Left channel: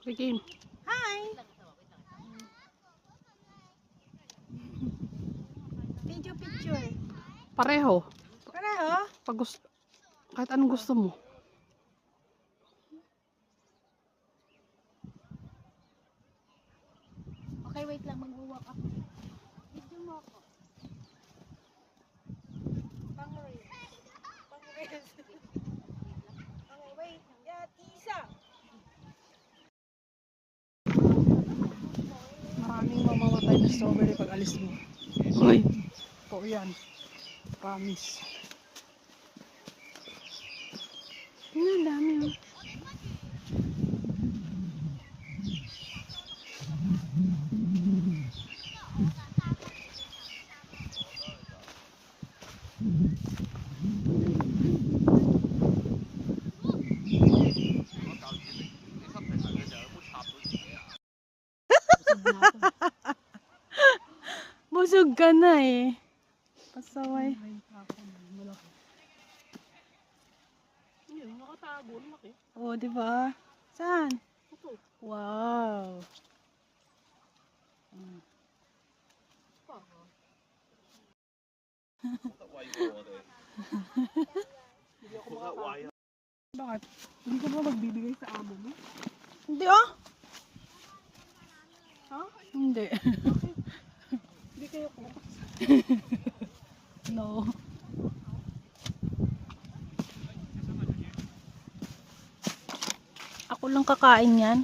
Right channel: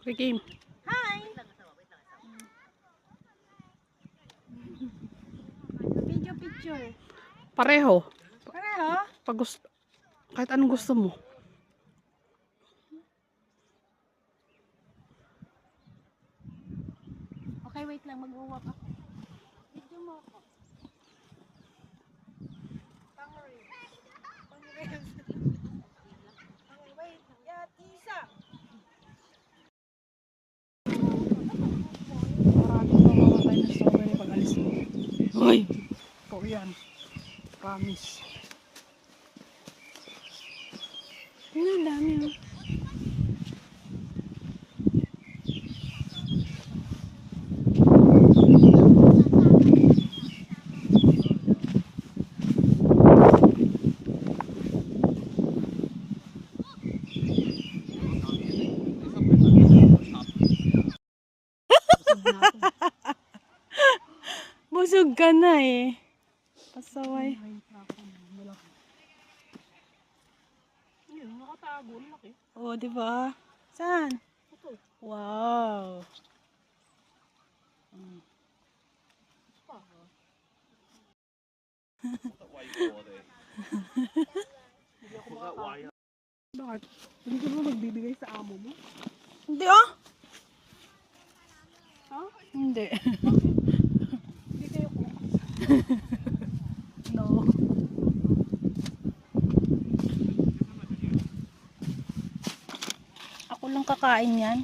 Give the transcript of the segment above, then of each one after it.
Game. Hi! Video picture. Pareho. Pareho? Pag gusto, kahit anong gusto mo. Okay, wait lang. Mag-walk ako. Video mo ako. Pang-reels. Pang-reels. Okay, wait. Yan, isa. Maraming mamamatay na strawberry pag alis mo. Uy! Ito yan. Promise. Ang dami oh. Busog ka na eh. Pasaway. Nakatago. Laki. Oh, di ba? Saan? Ito. Wow. Bakit? Hindi ka ba magbibigay sa amo mo? Hindi oh. Ha? Hindi. Hindi kayo ko. No. Ako lang kakain yan.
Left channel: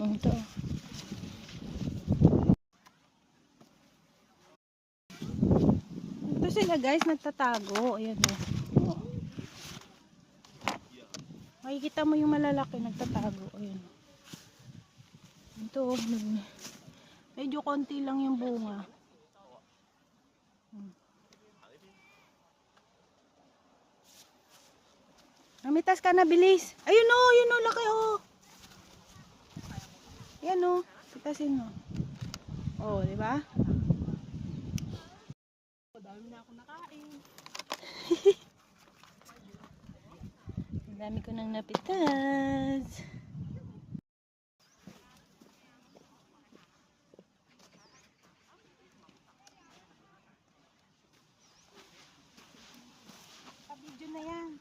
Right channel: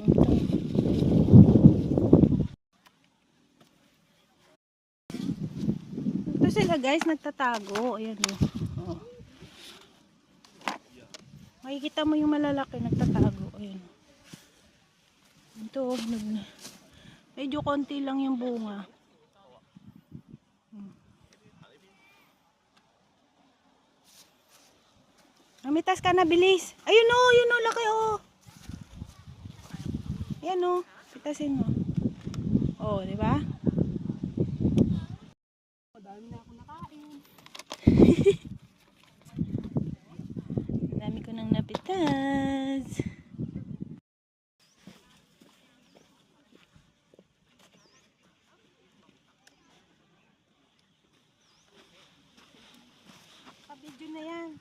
Ito. Ito sila guys, nagtatago. Ayan oh. Makikita mo yung malalaki nagtatago. Ayan. Ito, medyo konti lang yung bunga. Amitas ka na, bilis. Ayun o, laki o. Ayan o, pitasin mo. O, di ba? Madami na ako nakain. Ang dami ko nang napitas. Pa-video na yan.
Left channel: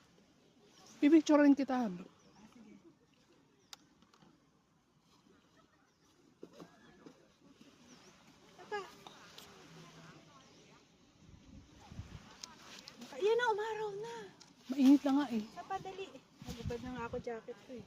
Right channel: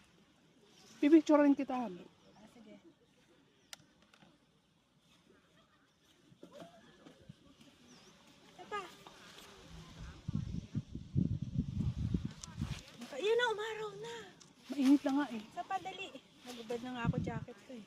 Pipicturein kita. Sige. Yan na, umaraw na. Mainit na nga eh. Sa padali. Nagubad na nga ako jacket ko eh.